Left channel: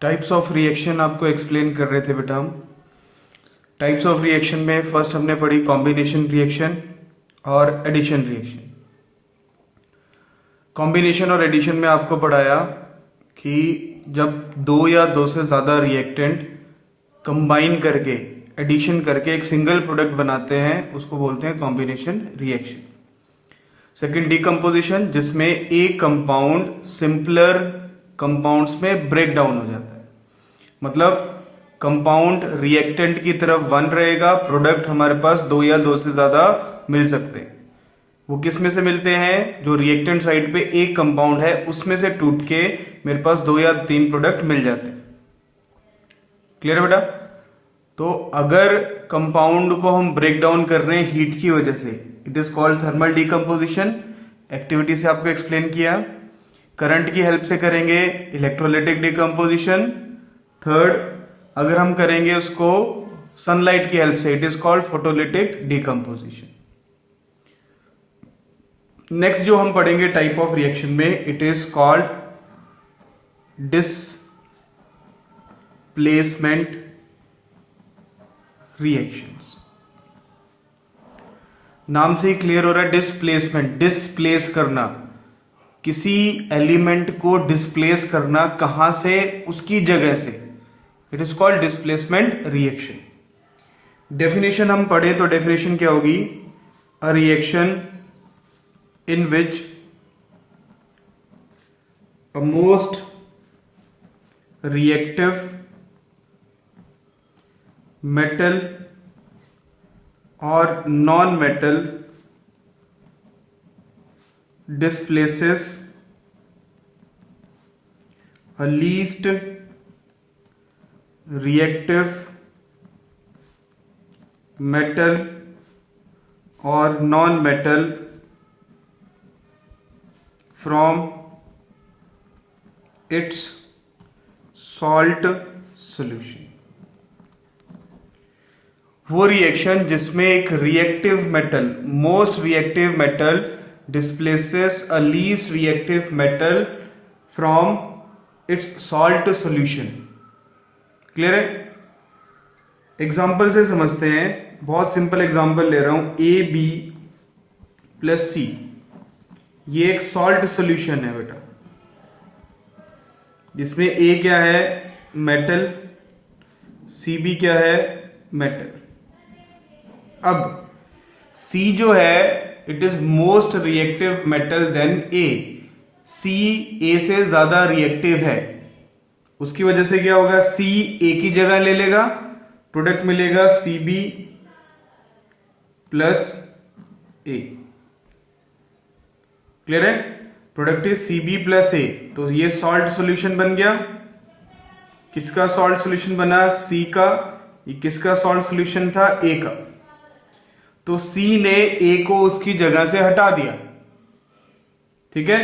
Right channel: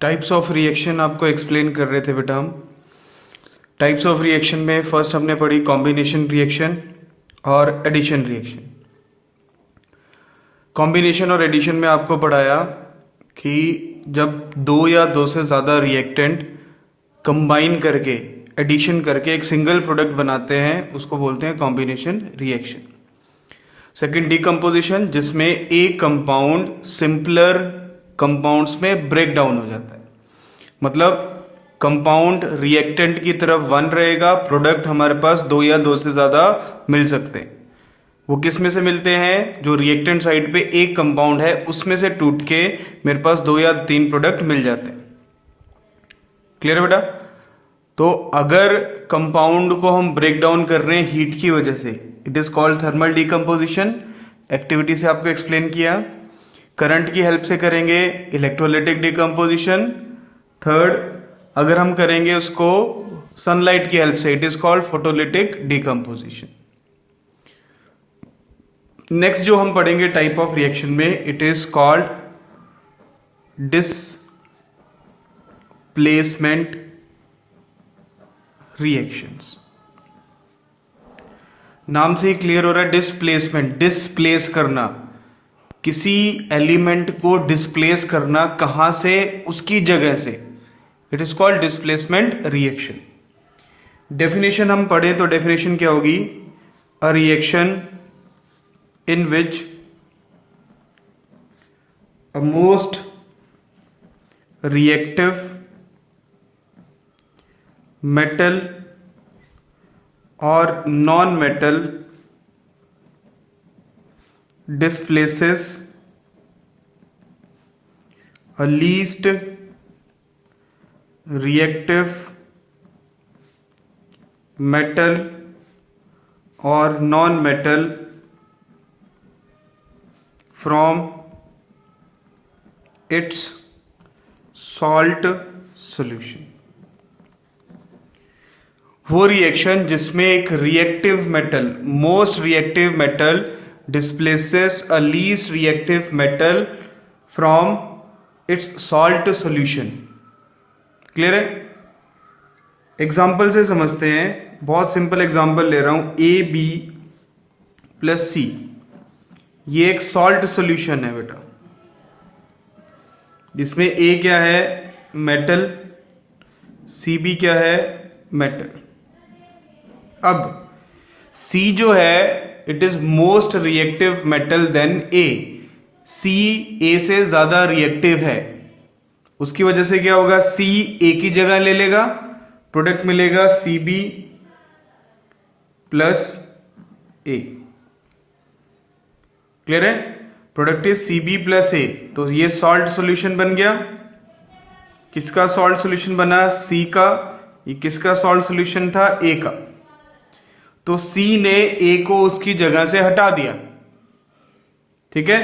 Types of reaction आपको explain कर रहे थे बेटा हम। टाइप्स ऑफ रिएक्शन में फर्स्ट हमने पढ़ी कॉम्बिनेशन रिएक्शन और एडिशन रिएक्शन। कॉम्बिनेशन और एडिशन में आपको पढ़ाया कि जब दो या दो से ज़्यादा रिएक्टेंट कंबाइन करके एडिशन करके एक सिंगल प्रोडक्ट बनाते हैं उसको बोलते हैं कॉम्बिनेशन रिएक्शन। सेकंड डीकम्पोजिशन, जिसमें एक कंपाउंड सिंपलर कंपाउंड्स में ब्रेक डाउन हो जाता है। मतलब कंपाउंड रिएक्टेंट की तरफ वन रहेगा, प्रोडक्ट हमारे पास दो या दो से ज्यादा मिल सकते हैं। वो किस में से मिलते हैं? जो रिएक्टेंट साइड पे एक कंपाउंड है उसमें से टूट के मेरे पास दो या तीन प्रोडक्ट मिल जाते हैं। क्लियर है बेटा? तो अगर कंपाउंड को हम ब्रेक डाउन कर रहे हैं हीट की वजह से, it is called thermal decomposition. Activity से आपको एक्सप्लेन किया। करंट की हेल्प से करेंगे इलेक्ट्रोलाइटिक डीकम्पोजिशन। थर्ड, अगर हम करेंगे उसको सनलाइट की हेल्प से, it is called photolytic decomposition. Next जो हम पढ़ेंगे टाइप ऑफ रिएक्शन में, it is called displacement reactions. नाम से ही क्लियर हो रहा है, डिस्प्लेसमेंट, डिस्प्लेस करना, किसी एलिमेंट को डिस्प्लेस करना, कहां से? उसकी जगह से। It is called displacement reaction. Definition हम पढ़े तो डेफिनेशन क्या होगी? A reaction in which a most reactive metal और non metal displaces a least reactive metal or non-metal from its salt solution। वो रिएक्शन जिसमें एक reactive metal, most reactive metal displaces a least reactive metal from its salt solution। Clear है? Example से समझते हैं। बहुत simple example ले रहा हूं, AB+C, ये एक सॉल्ट सॉल्यूशन है बेटा, जिसमें A क्या है? मेटल, CB क्या है? मेटल। अब C जो है, it is most reactive metal then A. C A से ज्यादा रिएक्टिव है, उसकी वजह से क्या होगा? सी ए की जगह ले लेगा, प्रोडक्ट मिलेगा CB प्लस ए। क्लियर है? प्रोडक्ट इज CB प्लस ए। तो ये सॉल्ट सॉल्यूशन बन गया। किसका सॉल्ट सॉल्यूशन बना? सी का। ये किसका सॉल्ट सॉल्यूशन था? ए का। तो C ने A को उसकी जगह से हटा दिया। ठीक है?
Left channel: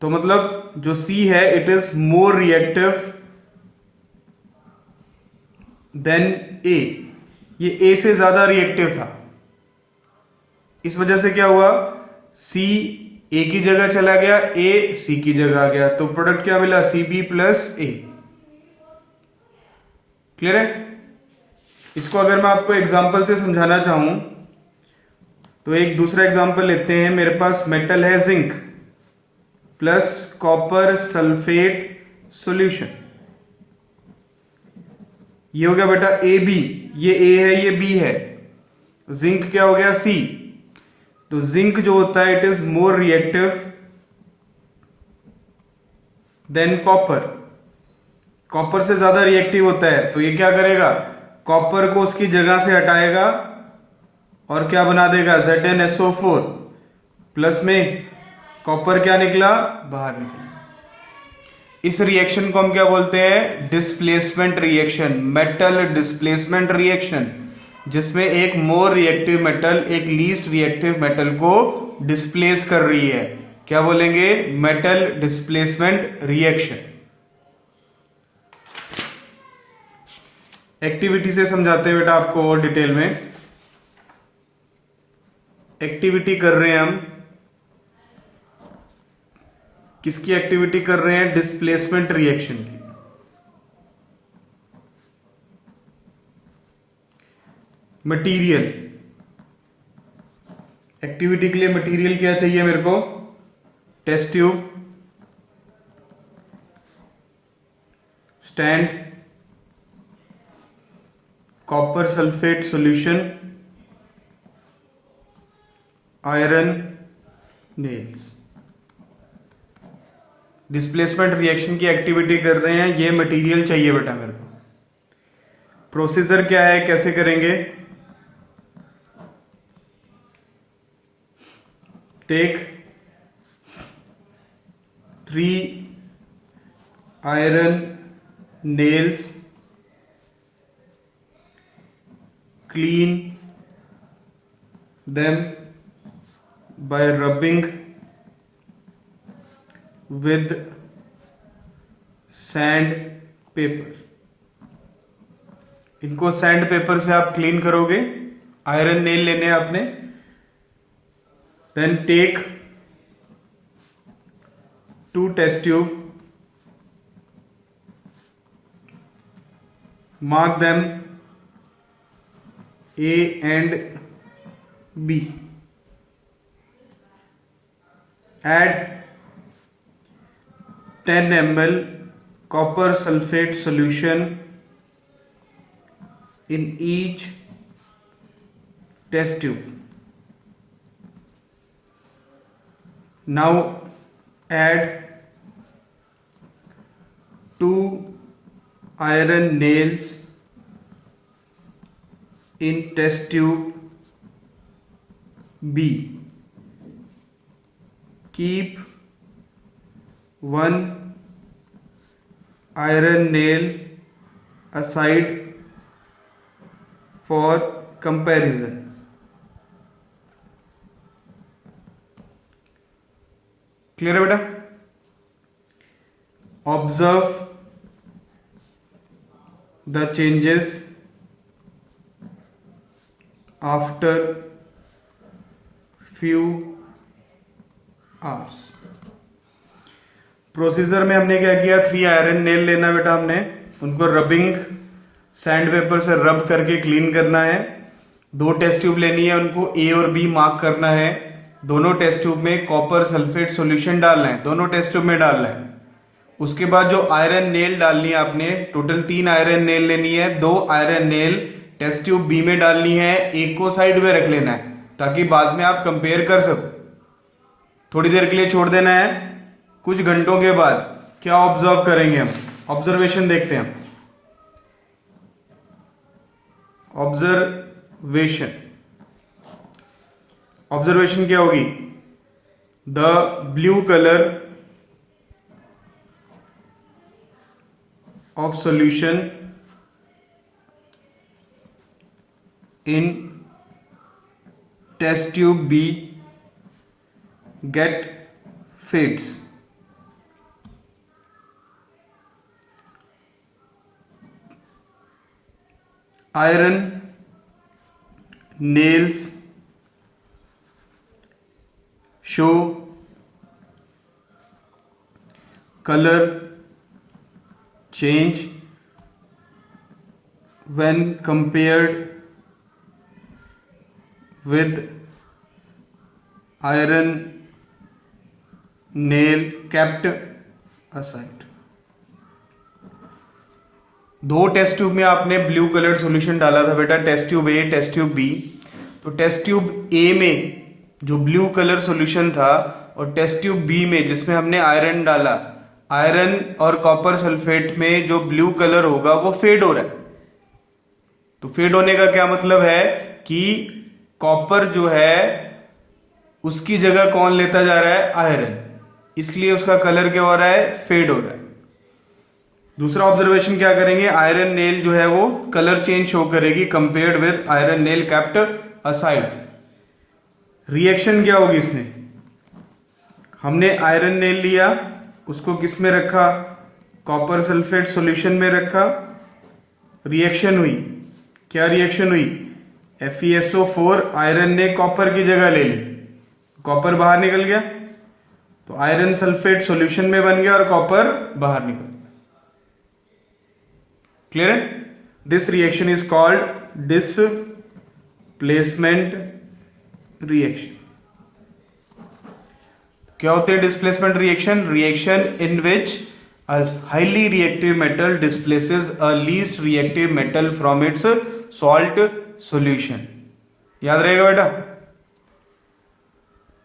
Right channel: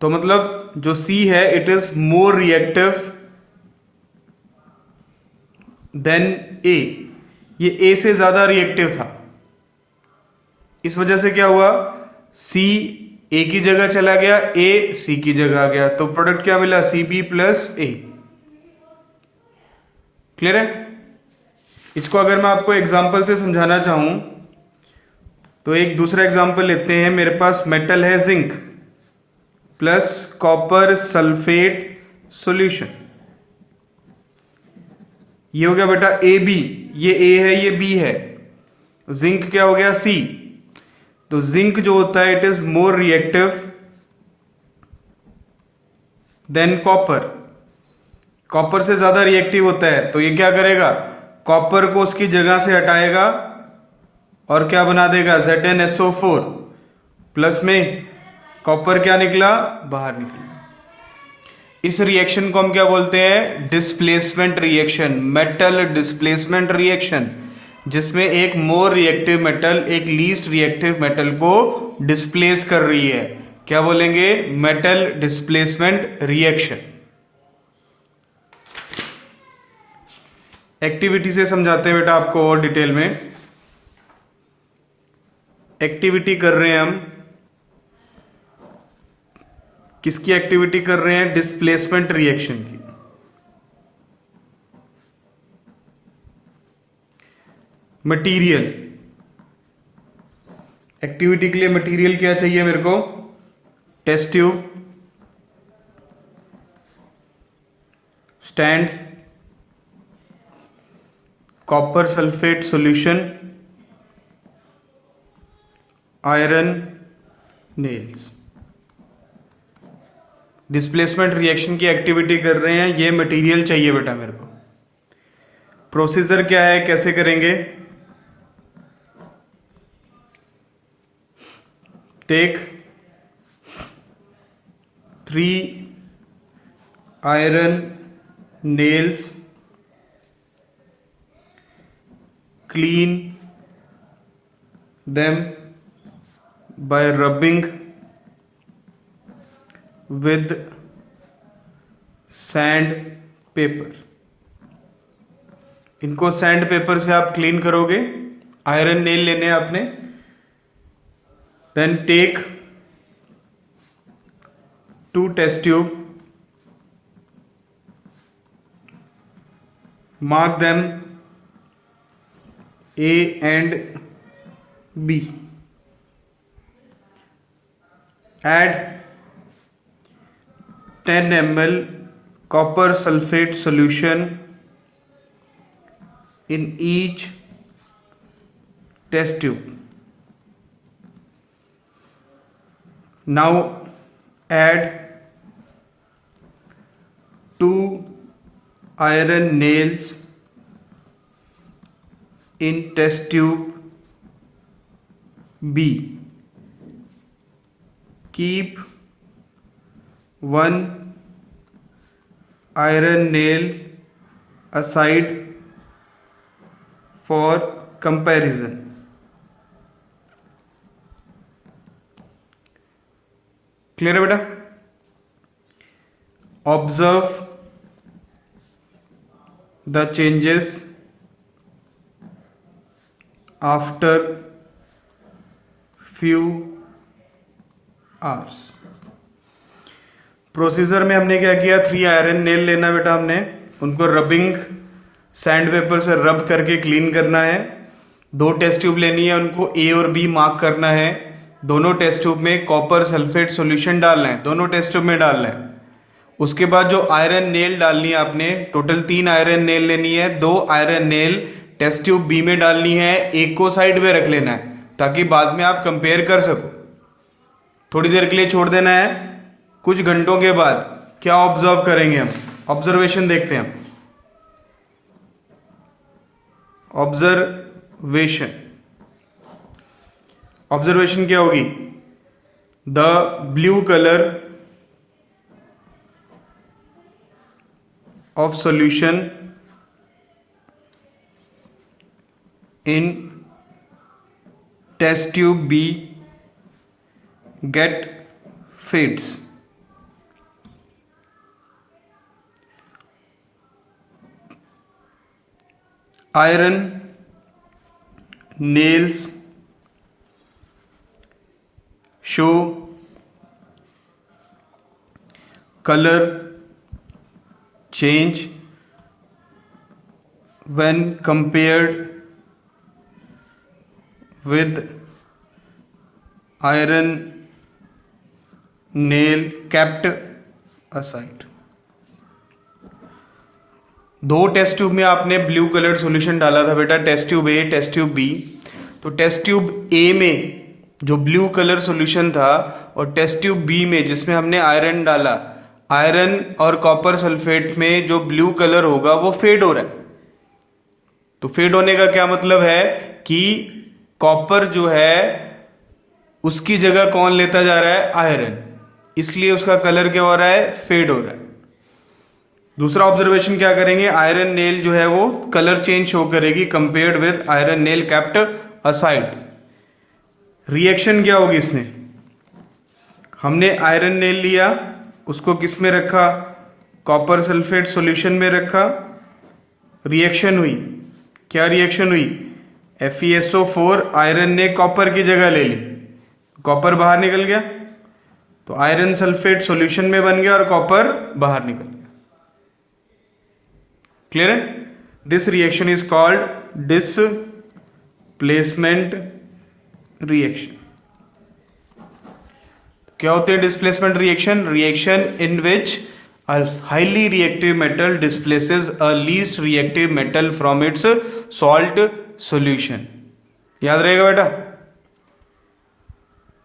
तो मतलब जो C है, it is more reactive than A। ये A से ज्यादा रिएक्टिव था। इस वजह से क्या हुआ? C A की जगह चला गया, A C की जगह आ गया, तो प्रोडक्ट क्या मिला? CB plus A। क्लियर है? इसको अगर मैं आपको एग्जांपल से समझाना चाहूं तो एक दूसरा एग्जांपल लेते हैं। मेरे पास मेटल है zinc plus copper sulphate solution. ये हो गया बेटा AB, ये A है, ये B है। जिंक क्या हो गया? C। तो जिंक जो होता है, it is more reactive than copper. Copper से ज्यादा रिएक्टिव होता है, तो ये क्या करेगा? कॉपर को उसकी जगह से हटाएगा और क्या बना देगा? ZnSO4 प्लस में कॉपर क्या निकला? बाहर निकला। इस रिएक्शन को हम क्या बोलते हैं? Displacement reaction, metal displacement reaction, जिसमें एक मोर रिएक्टिव मेटल एक लीस्ट रिएक्टिव मेटल को डिस्प्लेस कर रही है। क्या बोलेंगे? Metal displacement reaction. एक्टिविटी से समझाते हैं बेटा आपको और डिटेल में। एक्टिविटी कर रहे हैं हम, किसकी एक्टिविटी कर रहे हैं? डिस्प्लेसमेंट रिएक्शन की। मटेरियल, एक्टिविटी के लिए मटेरियल क्या चाहिए मेरे को, test tube, stand, copper sulphate solution, iron nails. Displacement reaction की एक्टिविटी कर रहे हैं, ये मटेरियल चाहिए बेटा मेरे को। प्रोसीजर क्या है, कैसे करेंगे, take 3 iron nails, clean them by rubbing with sand paper। इनको सैंड पेपर से आप क्लीन करोगे। आयरन नेल लेने हैं आपने। Then take 2 test tube, mark them A and B, add 10 ml copper sulfate solution in each test tube। now add 2 iron nails in test tube B, keep 1 iron nail aside for comparison। Clear है बेटा? Observe the changes after few hours। Procedure में हमने क्या किया, 3 iron nail लेना बेटा हमने, उनको रबिंग सैंड पेपर से रब करके क्लीन करना है। 2 टेस्ट ट्यूब लेनी है, उनको ए और बी मार्क करना है। दोनों टेस्ट ट्यूब में कॉपर सल्फेट सॉल्यूशन डालना है, दोनों टेस्ट ट्यूब में डालना है। उसके बाद जो आयरन नेल डालनी है आपने, टोटल 3 आयरन नेल लेनी है। 2 iron nail test tube B में डालनी है, एक को साइड में रख लेना है ताकि बाद में आप कंपेयर कर सको। थोड़ी देर के लिए छोड़ देना है। कुछ घंटों के बाद क्या ऑब्जर्व करेंगे हम, ऑब्जर्वेशन देखते हैं। ऑब्जर्वेशन क्या होगी, the blue colour of solution in test tube B get fades। iron nails show color change when compared with iron nail kept aside। 2 test tube में आपने ब्लू कलर सॉल्यूशन डाला था बेटा, test tube A, test tube B. तो test tube A में जो blue colour solution था और टेस्ट ट्यूब बी में जिसमें हमने आयरन डाला, आयरन और कॉपर सल्फेट में जो ब्लू कलर होगा वो फेड हो रहा है। तो फेड होने का क्या मतलब है कि कॉपर जो है उसकी जगह कौन लेता जा रहा है, आयरन, इसलिए उसका कलर क्या हो रहा है, फेड हो रहा है। दूसरा ऑब्जर्वेशन क्या करेंगे, आयरन नेल जो है वो कलर चेंज शो करेगी compared with iron nail kept aside. Reaction क्या होगी इसमें, हमने आयरन नेल लिया, उसको किस में रखा, कॉपर सल्फेट सॉल्यूशन में रखा, रिएक्शन हुई। क्या रिएक्शन हुई, FeSO4 आयरन ने कॉपर की जगह ले ली, कॉपर बाहर निकल गया, तो आयरन सल्फेट सॉल्यूशन में बन गया और कॉपर बाहर निकल गया। क्लियर है? This reaction is called displacement reaction. क्या होते हैं displacement reaction? Reaction in which a highly reactive metal displaces a least reactive metal from its salt solution। याद रहेगा बेटा।